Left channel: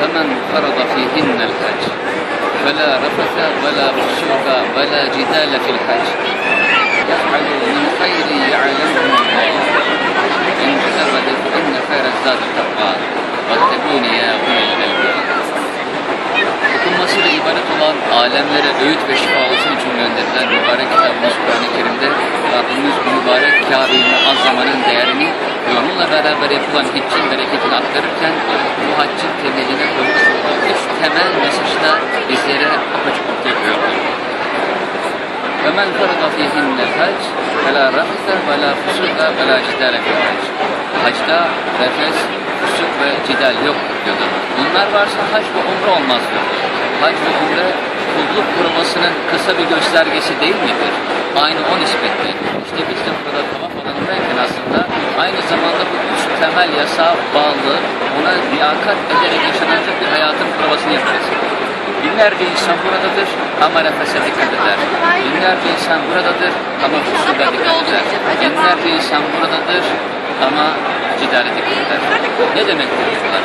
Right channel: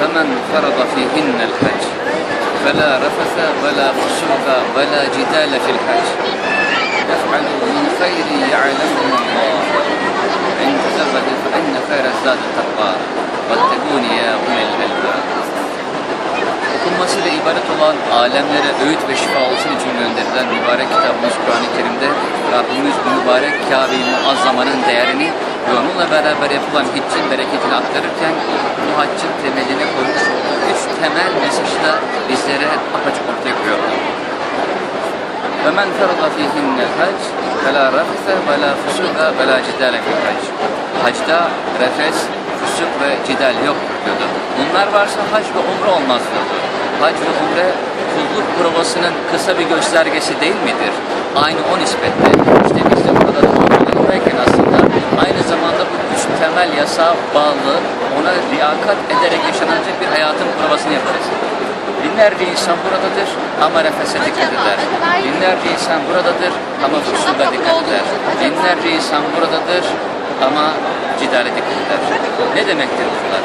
فمن فرض فيهن الحج فلا رفث ولا فسوق ولا جدال في الحج يفعل من خير يعلمه الله إن تزود فإن خير الزاد التقوى واتقون يا أولي الألباب Okunmasıyla ibaret olan alemlere öğüt ve şifa olsun için gönderilen mübarek kitabımız Kur'an-ı Kerim'de Rabbimiz bu mübarek Kabe-i Muazzama'nın değerini Yolunla beraber yapılan hiccin bereketini aktarırken bu haccın temeline koymuş olduğu üç temel mesajda bizlere apaçıklık yapıyor. Ve men ferada fihinne hac ve la rafse ve la fusuka ve la cidale fil hac. Hacda refes, fusuk ve cidal yok diyordu. Bunlar varsa hac ve umre olmaz diyordu. Hac ve umre kulluk provasının kısa bir göstergesi değil midir? Aynı o nispette temel yasağa bağlı, ona riyakat ederek yaşanacak bir hayatın provasını yaparız. Binlerce insan buradadır ama nefese dikkat eder. Binlerce insan buradadır ama fusuda dikkat eder. Binlerce insan buradadır ama cidale dikkat eder. Ne demektir bunlar?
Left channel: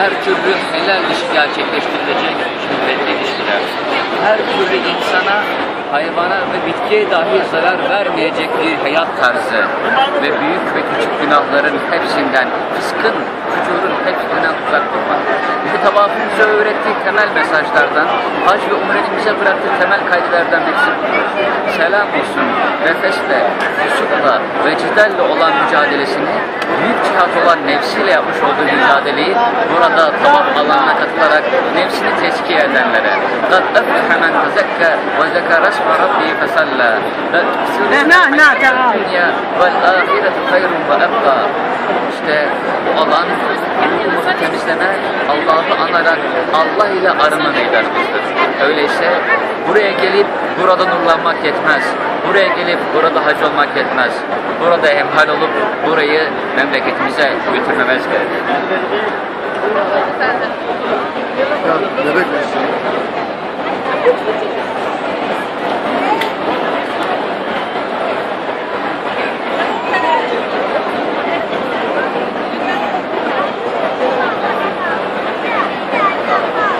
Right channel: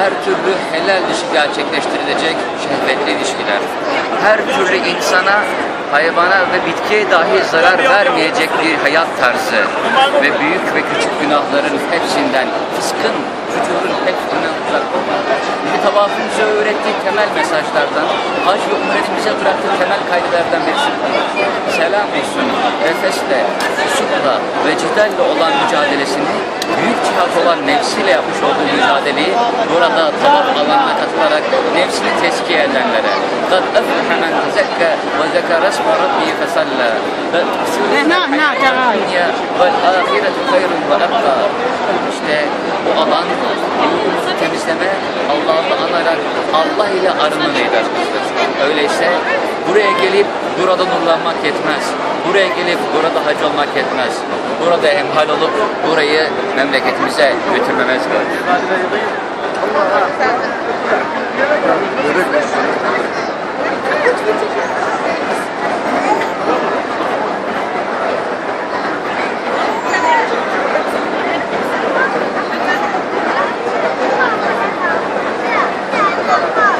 Her türlü helal iş gerçekleştirilecek şehvetli ilişkiler. Her türlü insana, hayvana ve bitkiye dahi zarar vermeyecek bir hayat tarzı. Ve büyük ve küçük günahların hepsinden, fıskın, fücurun Tavafın bize öğrettiği temel mesajlardan, hac ve umret bize bıraktığı temel kaydelerden birisi. Selam olsun, nefesle, susukla ve cidalle olan mücadelesini, büyük cihat olan nefsiyle yapmış olduğu mücadeleyi burada tavaf alanına katılarak nefsini tezkiye edenlere. Kad eflehe men tezekka ve zekara esme rabbi fesalla. Nah, nah, tamam. Vel ahiretu hayrun. İşte bu alan ruhumuzu temizleme, Allah'ın anarak Allah ile arınma meydanımızdır. Öyleyse buraya gelip burada nurlanmak yetmez. Buraya gelip burada hac olmak yetmez. Burada emhal olup burayı memleketimize götürmemiz gerekir.